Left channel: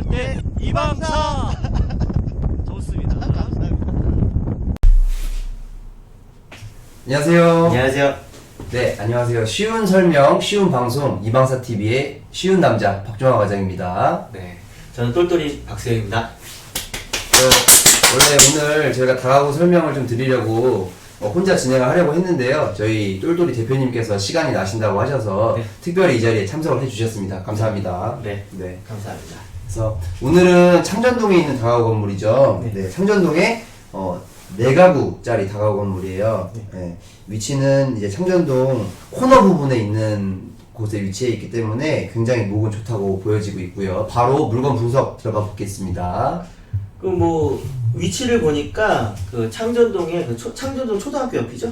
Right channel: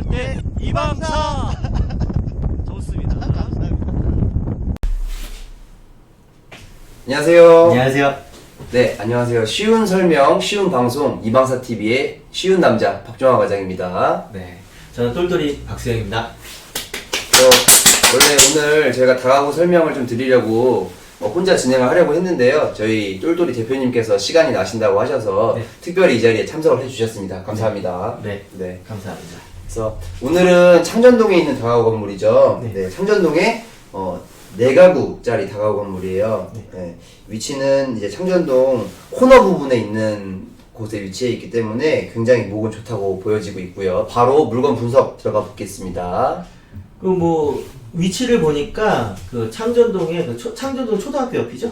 할 때 이방사 좋습니다. 안녕하세요. 안녕하세요. 네, 안녕하세요. 쉬운 설명, 쉬운 방송, 이방사 TV의 쉬운 남자 박종화 과장입니다. 네. 저는 똘똘이 박수영입니다. 어, 원래 오늘 제가 다가구 설명을 좀 드리려고 어, 혼자 진행을 하려고 했는데요. 저희 똘똘이 대표님께서 시간이 나신다고 하셔서 네. 특별히 이 자리에 참석을 해주셨습니다. 감사합니다. 네. 네. 감사합니다. 그래서 오늘은 창전동에 있는 다가구 건물이죠. 네. 네, 창전동에 어, 네 가구짜리 다가구 건물이에요. 네. 네, 위치는 이제 창전동 코너 부분에 있는 곳에 위치해 있기 때문에 굉장히 목은 좋다고 보여지고 있고요. 바로 물건 분석 들어가 보겠습니다. 그 뭐 위치를 보니까 그 창전동에 그 초- 창전동 초등학교 옆이죠?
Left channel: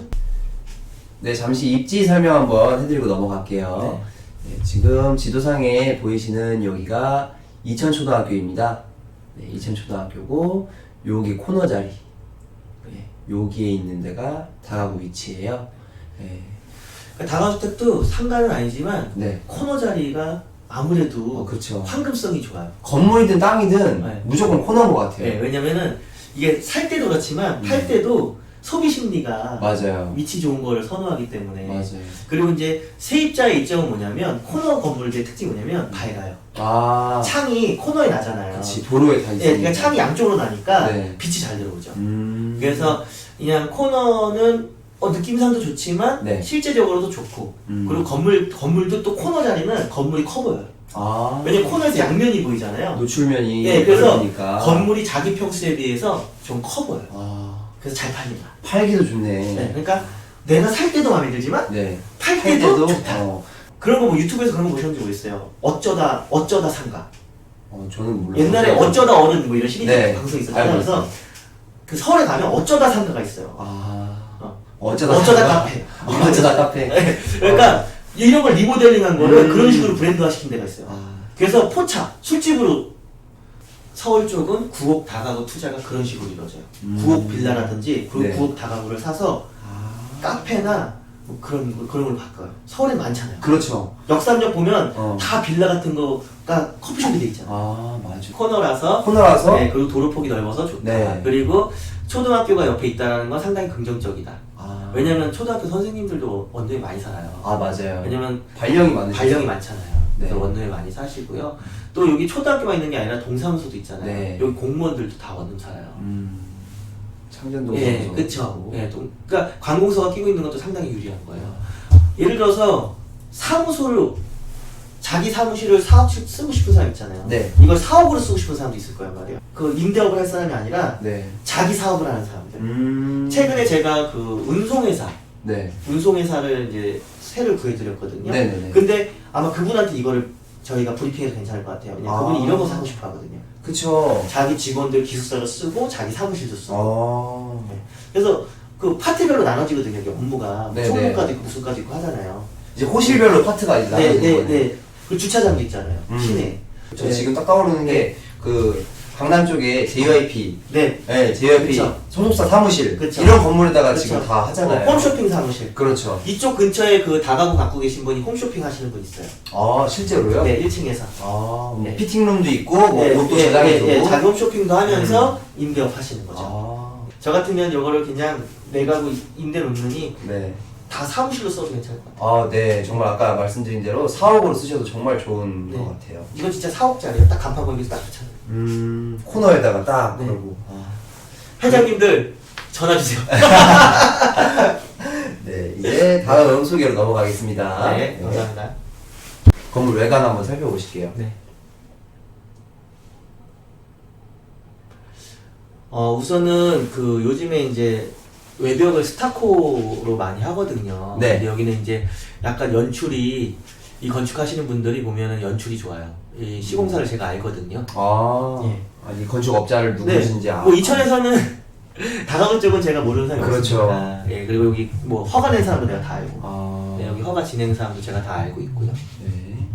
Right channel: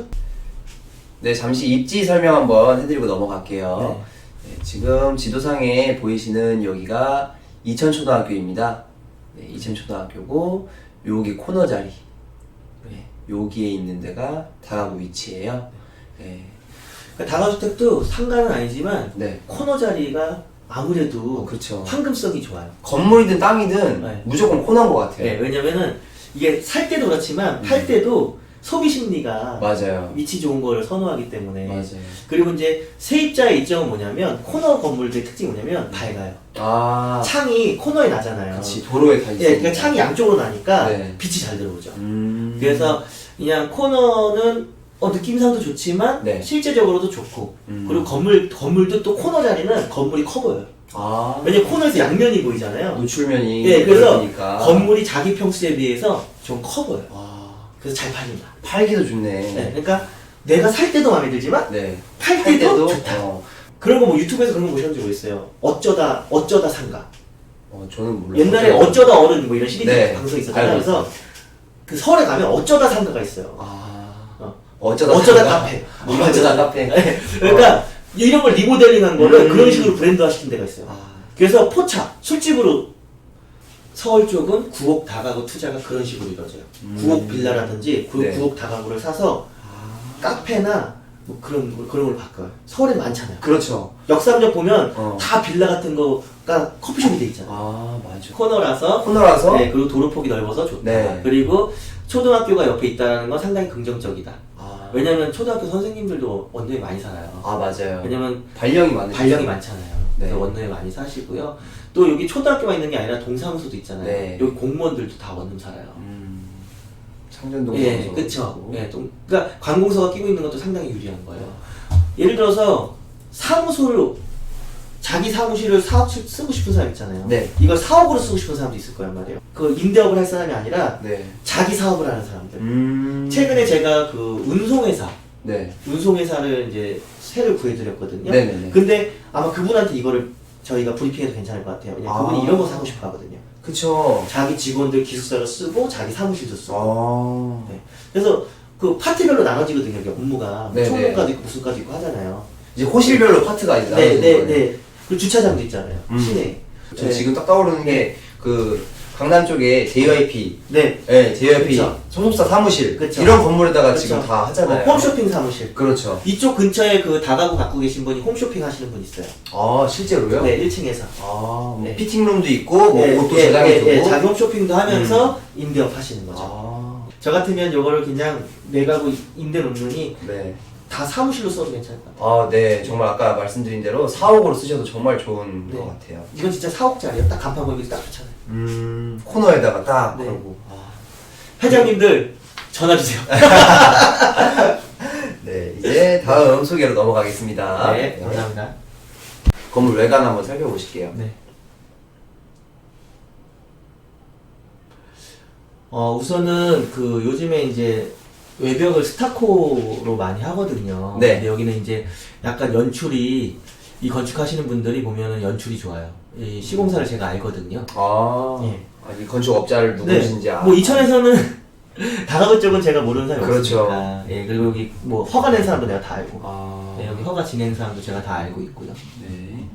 네, 잠시 입지 설명 한번 해드리고 넘어갈게요. 네, 지금 지도상에 보이시는 여기가 이천초등학교입니다. 네, 이천초등학교고 여기 코너 자리. 네, 여기에 있는 데가 다가구 위치예요. 네, 그러니까 다가주택도 상가는 아니지만 네. 코너 자리가 아무래도 어, 그렇죠. 황금성이 좋아요. 건물이든 땅이든 네. 무조건 코너인 것 같아요. 네, 왜냐면은 이게 살 때도 그렇지만 팔 때도 소비 심리가 맞아요. 위치 좋은 걸 선호하기 때문에 맞아요. 그리고 이제 세입자의 입장은 뭐냐면 코너 건물들의 특징이 뭐냐면 밝아요. 아, 창이 코너에 나잖아요. 그치 도로에 다 예, 있으니까. 그러니까 창이 양쪽으로 나니까 네. 빛이 잘 들어오죠. 음. 그래서 그냥 코너는 어, 느낌상도 좋지만 네. 실제적으로도 좋고 음. 그리고 건물 건물도 또 코너 자리는 건물이 커 보여요. 아, 왜냐면 코너에서 양면이 보이잖아요. 노출면이 예, 그래서 넓으니까. 건물이 자기 평수에 비해서 좀 커 보여요. 아, 그래서 잘 팔린다. 팔기도 좋네. 네, 그러니까 내가 살 때도 마음에 들지만 네. 팔 팔 때도, 때도 좋다. 어, 그런 거 뭐 유튜브에서 그런 거 보셨는지 모르겠어요. 어쩌다 어쩌다 상가. 어, 저는 몰라요. 옛날에 어쩌다 어른 뭐 이런 시리즈 네, 방송 있었잖아요. 그래서 그 서울에 가면 어쩌다 상가가 있어요. 아, 어. 어쩌다 어쩌다? 카페. 어, 어쩌다 카페. 네, 그러니까 이런 걸 리모델링한 거를 음. 그런 식으로 브랜드화 시킨 데가 있어요. 아, 그래서 포차, 술집으로 서울 쪽은 구옥 다가구 투자가 그런 식으로 이루어져요. 음. 구옥 빌라라든지 구, 네. 구옥 다가구를 사서 아. 카페나 뭐 그런 걸- 그런 걸 바꿔요. 서울에 많잖아요. 그렇죠. 역삼역 보면 어. 다 빌라 같은 거가 커피숍이 돼 있잖아요. 아, 맞아. 코너라서 코너라서 네, 그리고 도로 폭이 넓어서 좋다. 네. 그리고 초등학교가 옆에 있다는 건 상당히 긍정적이다. 아, 왜냐면 초등학교 선생님들도 원도에 많이 살아요. 아, 맞아요. 왜냐면 발령이 많으시죠. 발령이 많잖아요. 네. 원룸에 많이 사시고요. 또 여기 초등학교가 있는 게 아니라 동사무소도 있잖아요. 네. 여기 공무원들도 다 원룸 살아요. 음, 창전동 예. 그쵸. 예, 동, 그러니까 관공서가 끼고 있는 것도 상당히 유리한 거예요. 예를 들어서 사무소를 자기 사무실을 사업 쓰고 싶은 사람 있잖아요. 네. 이걸 사업으로 쓰고 싶은 사람도 있을 거란 말이에요. 그 임대업을 할 사람이 아니라 네. 자기 사업을 하는 사람들. 음. 최근에 제가 그 운송회사, 네. 운송회사를 이제 새를 구해드렸거든요. 네네네. 근데 아마 그분한테 이거를 저희가 브리핑해도 괜찮을 것 같아요. 왜냐면 아. 그분이 이런 거 사고 싶어 하거든요. 그쵸. 자기 직원들 기숙사를 쓰고 자기 사무실도 쓰고. 아. 네. 그래서 그 파트별로 나눠지거든요. 이게 업무가 네네. 총무과도 있고 무슨과도 있고 하잖아요. 이제 호실별로 파트가 이제 네, 나눠지는 네, 거예요. 네. 주차장도 있잖아요. 음. 시내. 저 네. 지금 딱 떠오르는 게 그 강남 쪽에 JYP, 네. 네, JYP 그쵸. 소속사 사무실 그쵸. 이런 건물에다가 그쵸. 지금 다 하잖아요. 어, 홈쇼핑 사무실. 그렇죠. 이쪽 근처에 그 다가구 갖고 계신 분이 홈쇼핑 하시는 분 있어요. 아 실제로요? 네, 1층에서. 아, 뭐 네. 피팅룸도 있고 뭐 예, 옷도 예, 저장해두고. 예, 예, 자기 홈쇼핑도 하면서 임대업 하시는 거죠. 아, 저 같으면 이거를 그냥 내 가구 임대 놓느니 네. 다 사무실로 써도 괜찮을 것 같아요. 아, 네. 정말 아까 말씀드린 대로 사옥으로 쓰셔도 정말 좋은 네. 것 같아요. 이건 진짜 사옥짜리예요. 딱 간판 보기 딱 좋잖아요. 음, 코너에다가 딱 네. 걸고. 아. 회장님들 전화 주세요. 네, 이제 다음 소개로 넘어가겠습니다. 네, 감사합니다. 건물 외관 한번 살펴보실게요. 네. 어 우선은 그 요즘에 이제 외벽을 스타코로 많이 하거든요. 네. 근데 여기는 이제 약간 연출이 이 건축하시는 분들이 보면은 연출이 좋아요. 이 시공사를 제가 알거든요. 아, 예. 아니 건축업자를 누구신지 아. 뭐 이천에서는 다가구 쪽은 제가 모르는 사람이 그렇죠. 없으니까. 예, 그리고 여기 뭐 허가 낸 사람도 내가 다 알고. 아, 네, 여기 허가 진행 사람도 제가 다 알고 있고요. 네.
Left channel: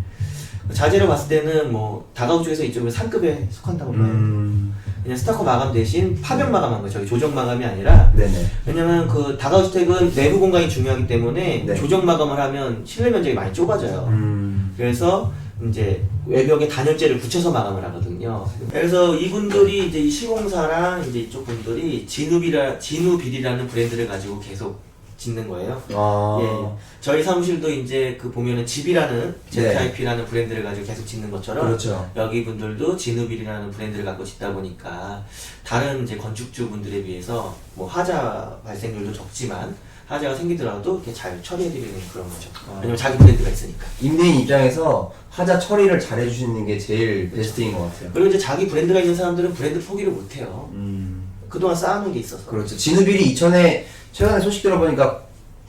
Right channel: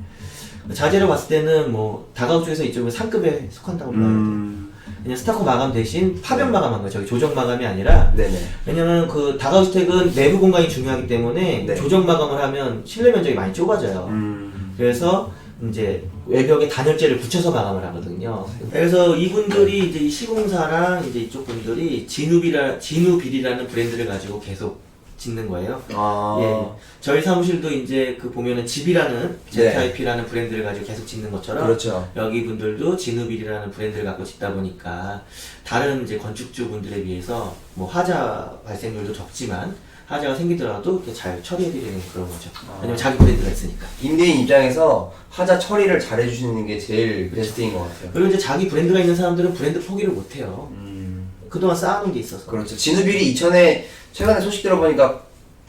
자재를 봤을 때는 뭐 다가구 쪽에서 이쪽은 상급에 속한다고 봐요. 음, 그냥 스타코 마감 대신 파병 마감한 거죠. 저기 조정 마감이 아니라 네네. 왜냐면 그 다가구 주택은 내부 공간이 중요하기 때문에 네. 조정 마감을 하면 실내 면적이 많이 좁아져요. 음, 그래서 이제 외벽에 단열재를 붙여서 마감을 하거든요. 그래서 이분들이 이제 이 시공사랑 이제 이쪽 분들이 진우비라 진우빌이라는 브랜드를 가지고 계속 짓는 거예요. 아. 예. 저희 사무실도 이제 그 보면은 집이라는 네. ZIP라는 브랜드를 가지고 계속 짓는 것처럼 그렇죠. 여기 분들도 진우빌이라는 브랜드를 갖고 짓다 보니까 다른 이제 건축주 분들에 비해서 뭐 하자 발생률도 적지만 하자가 생기더라도 이렇게 잘 처리해드리는 그런 거죠. 아. 왜냐면 자기 브랜드가 있으니까. 임대인 입장에서 하자 처리를 잘 해주시는 게 제일 베스트인 것 같아요. 그리고 이제 자기 브랜드가 있는 사람들은 브랜드 포기를 못해요. 음. 그동안 쌓아놓은 게 있어서. 그렇죠. 진우빌이 이천에 최근에 소식 들어보니까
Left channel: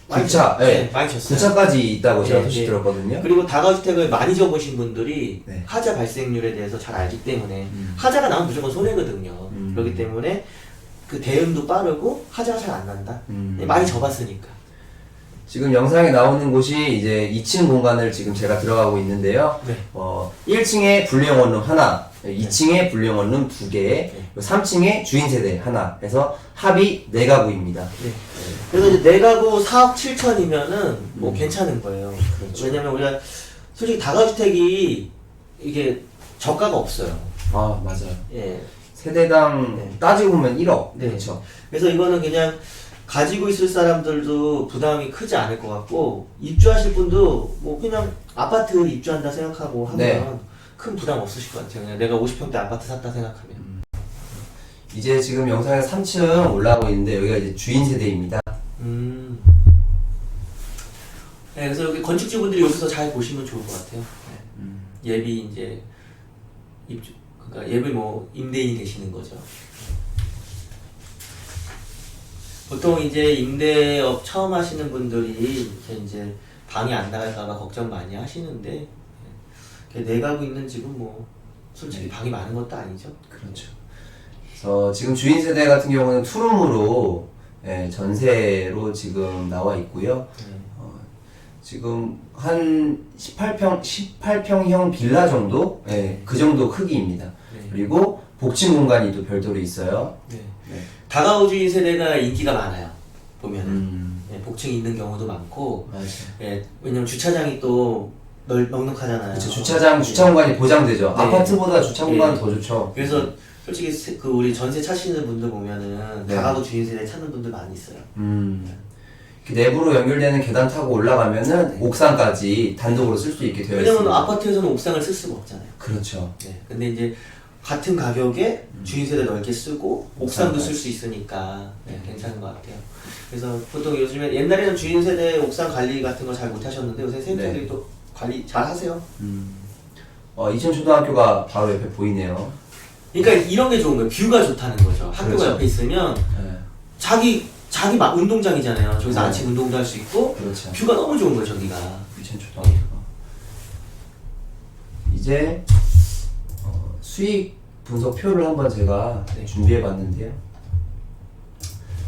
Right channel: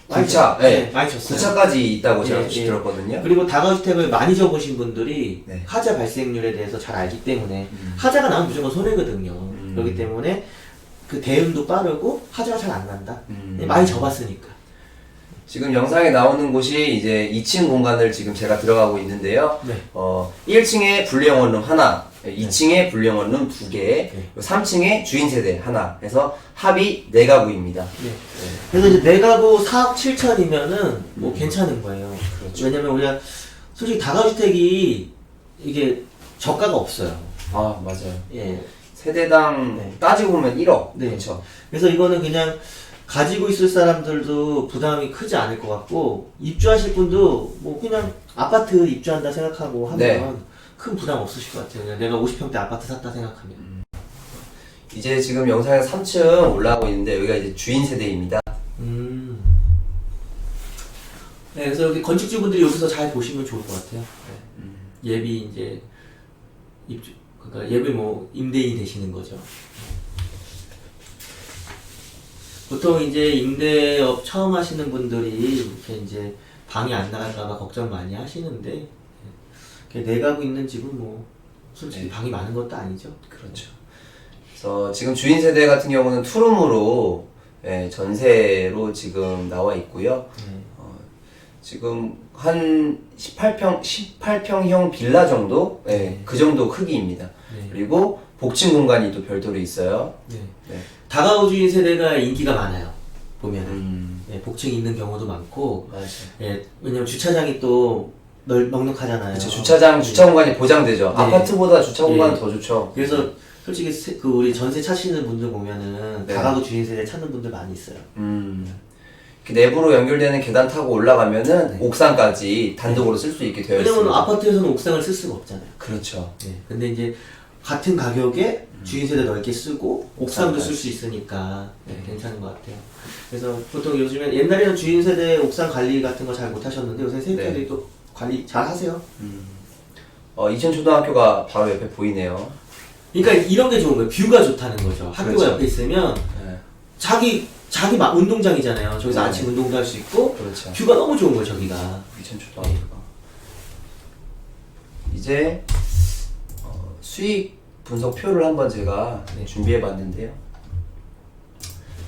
9차, 네, 네. 많이 쳤어요. 9차까지 있다고 제가 예, 소식 예. 들었거든요. 그리고 다가주택을 많이 접으신 분들이 네. 하자 발생률에 대해서 잘 알기 때문에 음. 하자가 나면 무조건 손해거든요. 음. 그렇기 때문에 그 대응도 빠르고 하자가 잘 안 난다. 음. 네, 많이 접었으니까. 지금 영상에 나오는 곳이 이제 2층 공간을 지금 제가 들어가고 있는데요. 네. 어, 1층에 분리형 원룸 하나, 2층에 분리형 원룸 두 개, 3층에 주인 세대 하나 해서 합이 4가구입니다. 네. 그래서 이제 내가구 4억 7천이면은 뭐 음. 괜찮은 거예요. 그렇죠. 왜냐면 우리가 솔직히 다가주택이 이게 저가가 없어요. 아, 맞아요. 예. 세대당 네. 따지고 보면 1억. 네. 그렇죠. 그래서 이거는 그냥 가지고 있을 사람들도 부담이 크지 않을 것 같고 입주하실 분도 뭐 그냥 아파트 입주한다 생각하고 하면 네. 큰 부담 없으실 것 같아요. 그냥 내가 50평대 아파트 샀다 생각하면. 이제 지금 영상에 3층 올라가고 있는데 여기가 이제 주인 세대입니다. 음. 네, 그래서 여기 건축주분들이 여기서 잘 보시면 좋을 것 같아요. 네. 음. 예비 이제 입주 그러니까 예비 뭐 임대인이 되시는 거죠. 보통 이제 임대업 처음 하시는 분들이 이렇게 이제 방이 안 나갈까봐 걱정 많이 하시는데 내가구 있는 집은 뭐 솔직히 네. 방이 많은 것도 아니죠. 그렇죠. 그래서 지금 주인 세대 같은 경우는 투룸으로 예, 전세로 지금 나와 있고요. 네. 어, 지금 한 18평 18평형 빌라 정도, 예, 그 정도 크기입니다. 네. 그리고 복층 공간이 또 별도로 있어요. 네. 네. 다가구 주인 세대가 인기가 많아요. 보면은 음, 네, 복층이 있는 경우도 많고 맞아요. 예, 왜냐면 주차장이 또 널, 넉넉하잖아요. 그렇죠. 주차장, 주차 공간이 보장되죠. 네. 아파트보다 주차 공간은 네. 더 좋죠. 그래서 솔직히 세- 그 우리 전세 차시는 분들 보면은 네. 다가구 주인 세대 찾는 분들 많이 있어요. 음. 그 내부로 연결되는 계단 타고 올라가면은 옥상까지 단독으로 쓸 수 있게 되어 왜냐면 있습니다. 아파트에서는 옥상을 쓸 수가 없잖아요. 그렇죠. 네. 근데 이제 같은 가격에 주인 세대 넓게 쓰고 옥상도 쓸 수 있으니까 네, 괜찮은 것 같아요. 그래서 보통 요즘에 옛날에는 주인 세대 옥상 관리 같은 거 잘 못 하셨는데 요새 세대들이 네. 또 관리 잘 하세요. 음. 어, 이천 초등학교가 바로 옆에 보이네요. 그러니까 이런 게 좋은 거예요. 뷰가 좋다는 거죠. 학교가 그렇죠. 옆에 있으면 네. 자기 자기 막 운동장이잖아요. 저기서 네. 아침 운동도 할 수 있고 그렇죠. 뷰가 너무 좋은 거예요. 저기가. 이천초등학교가. 이제 어, 수익 분석표를 한번 제가 준비해 봤는데요.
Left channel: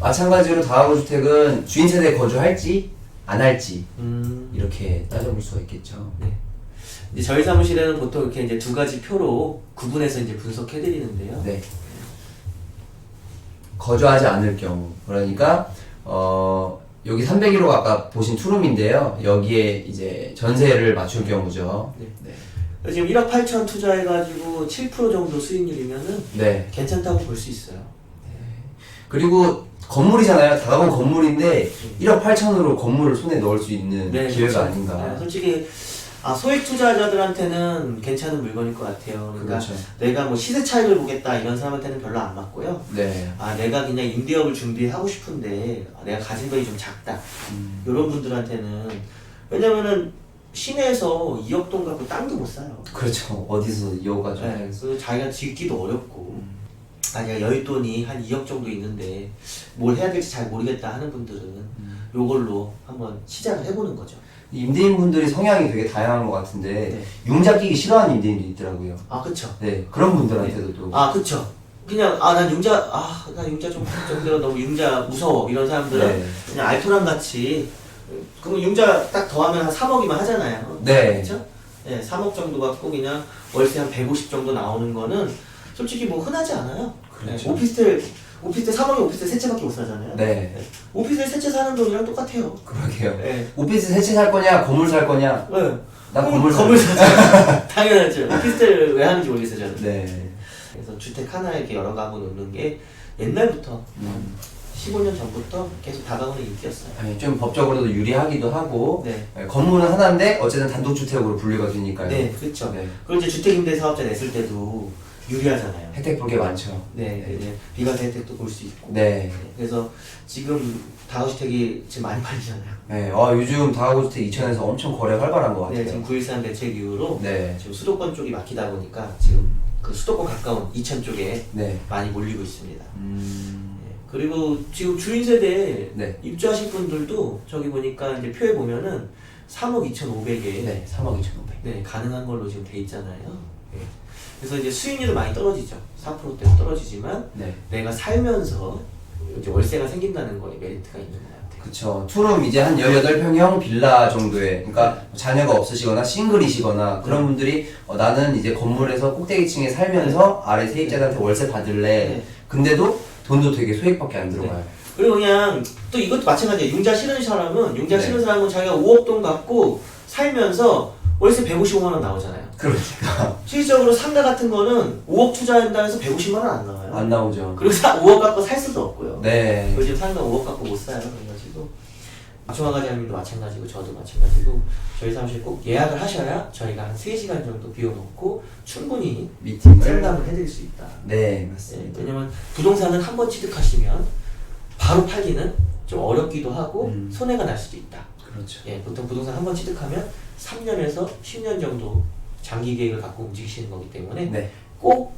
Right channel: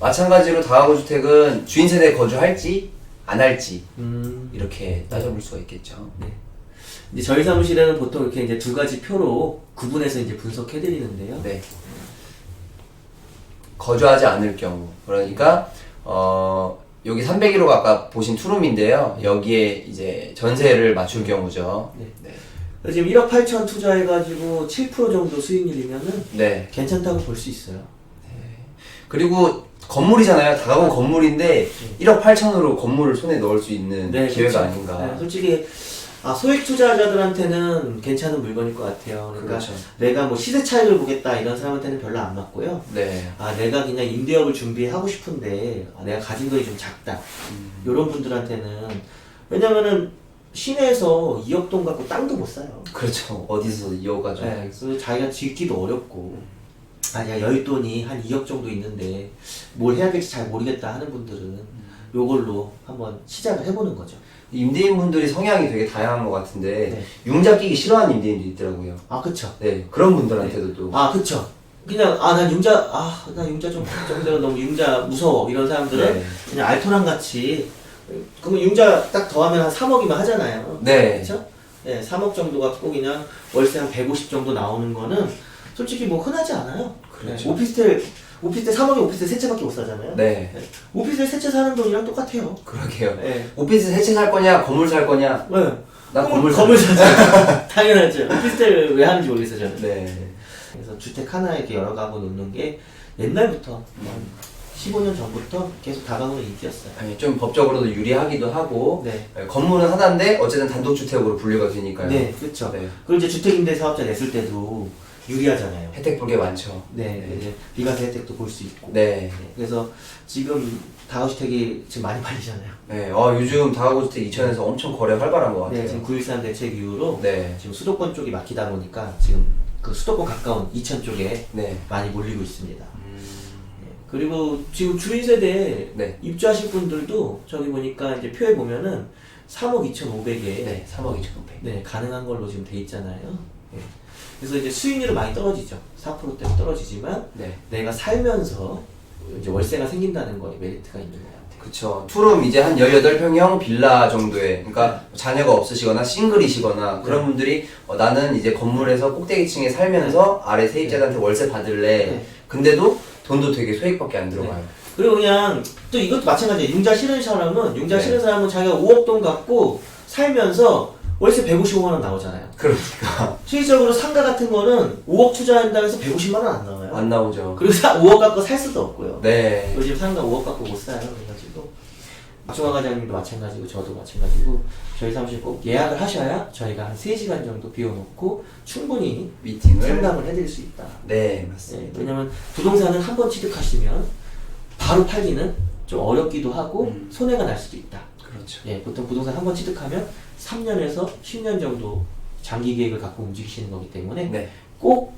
마찬가지로 다가구 주택은 주인 세대에 거주할지 안 할지 음. 이렇게 따져볼 수가 있겠죠. 네. 이제 저희 사무실에는 보통 이렇게 이제 두 가지 표로 구분해서 이제 분석해 드리는데요. 네. 거주하지 않을 경우 그러니까 어 여기 301호가 아까 보신 투룸인데요. 여기에 이제 전세를 맞출 경우죠. 네. 네. 그래서 지금 1억 8천 투자해가지고 7% 정도 수익률이면은 네. 괜찮다고 볼 수 있어요. 그리고 건물이잖아요. 다가구 건물인데 1억 8천으로 건물을 손에 넣을 수 있는 기회가 그렇죠. 아닌가. 네, 솔직히 아, 소액 투자자들한테는 괜찮은 물건일 것 같아요. 그러니까 그렇죠. 내가 뭐 시세 차익을 보겠다 이런 사람한테는 별로 안 맞고요. 네. 아 내가 그냥 임대업을 준비하고 싶은데 아, 내가 가진 돈이 좀 작다. 음, 이런 분들한테는 왜냐면은 시내에서 2억 돈 갖고 땅도 못 사요. 그렇죠. 어디서 이어가죠. 네, 그래서 자기가 짓기도 어렵고 아니야 여윳돈이 한 2억 정도 있는데 뭘 해야 될지 잘 모르겠다 하는 분들은 요걸로 한번 시작을 해보는 거죠. 임대인분들이 성향이 되게 다양한 것 같은데 네. 융자 끼기 싫어하는 임대인도 있더라고요. 아 그쵸. 네. 그런 분들한테도 또 아 그쵸. 그냥 아 난 융자 아 나 융자 좀 정도가 너무 융자 무서워 이런 사람들은 네. 그냥 알토란 같이 그럼 융자 딱 더하면 한 3억이면 하잖아요. 네. 그렇죠? 예, 3억 정도 갖고 그냥 월세 한 150 정도 나오는 거는 솔직히 뭐 흔하지 않아요. 그렇죠. 예, 오피스텔 오피스텔 3억에 오피스텔 세 채밖에 못 사잖아요. 네. 예, 오피스텔 세 채 사는 돈이랑 똑같아요. 그러게요. 예. 오피스 세채 살 거냐, 건물 살 거냐, 네. 나 건물 건물 사- 샀어요. 당연하죠. 오피스텔을 왜 하는지 모르겠어요, 저는. 네. 그래서 주택 하나에 이렇게 여러 가구 놓는 게 옛날부터 음. 15년 전부터 계속 다가오는 인기였어요. 아니, 좀 법적으로도 유리하기도 하고 네. 예, 건물은 하나인데 어쨌든 단독주택으로 분류가 되니까요. 네, 그렇죠. 네. 그리고 이제 주택임대 사업자 냈을 때도 유리하잖아요. 혜택 볼 게 많죠. 네, 이제 비과세 혜택도 볼 수 있고. 네. 그래서 지금 다우주택이 지금 많이 팔리잖아요. 네. 아, 요즘 다가구주택 이천에서 엄청 거래 활발한 것 네, 지금 같아요. 9.13 대책 이후로 네. 지금 수도권 쪽이 막히다 보니까 지금 그 수도권 가까운 이천 쪽에 네. 많이 몰리고 있습니다. 음. 네, 그리고 지금 주인 세대에 네. 입주하실 분들도 저기 보니까 이제 표에 보면은 3억 2,500에 네. 3억 2천 5백. 네, 가능한 걸로 지금 돼 있잖아요. 네. 그래서 이제 수익률은 많이 떨어지죠. 4%대 떨어지지만 네. 내가 살면서 이제 월세가 생긴다는 거에 메리트가 있는 것 같아요. 그쵸. 투룸 이제 한 18평형 빌라 정도의, 그러니까 자녀가 없으시거나 싱글이시거나 그런 분들이 어, 나는 이제 건물에서 꼭대기층에 살면서 아래 세입자들한테 월세 받을래. 네. 근데도 돈도 되게 소액밖에 안 들어가요. 그리고 그냥 또 이것도 마찬가지예요. 융자 싫은 사람은 융자 네. 싫은 사람은 자기가 5억 돈 갖고 살면서 월세 150만 원 나오잖아요. 그러니까. 실질적으로 상가 같은 거는 5억 투자한다 해서 150만 원 안 나와요. 안 나오죠. 그리고 사, 5억 갖고 살 수도 없고요. 네. 요즘 상가 5억 갖고 못 사요. 그래가지고 박종환 과장님도 마찬가지고 저도 마찬가지고 저희 사무실 꼭 예약을 하셔야 저희가 한 3시간 정도 비워놓고 충분히 미팅을. 상담을 해드릴 수 있다. 네, 네, 맞습니다. 왜냐면 부동산은 한 번 취득하시면 바로 팔기는 좀 어렵기도 하고 음. 손해가 날 수도 있다. 그렇죠. 예, 보통 부동산 한 번 취득하면 3년에서 10년 정도 장기 계획을 갖고 움직이시는 거기 때문에 네. 꼭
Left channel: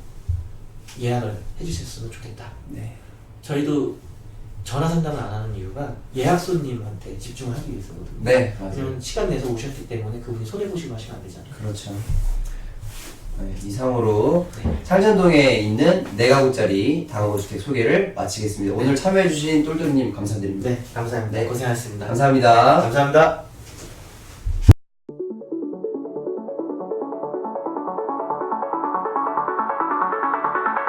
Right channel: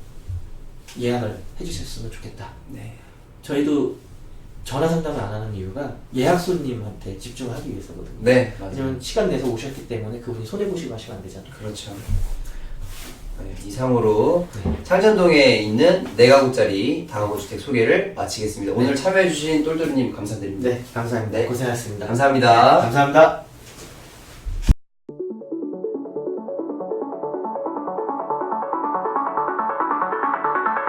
예약을 해주셨으면 좋겠다. 네. 저희도 전화 상담을 안 하는 이유가 예약 손님한테 집중을 하기 위해서거든요. 네, 맞아요. 왜냐면 시간 내서 오셨기 때문에 그분이 손해 보시고 하시면 안 되잖아요. 그렇죠. 네, 이상으로 네. 창전동에 있는 4가구짜리 다가구주택 소개를 마치겠습니다. 오늘 참여해주신 똘똘이님 감사드립니다. 네, 감사합니다. 네. 고생하셨습니다. 감사합니다. 감사합니다.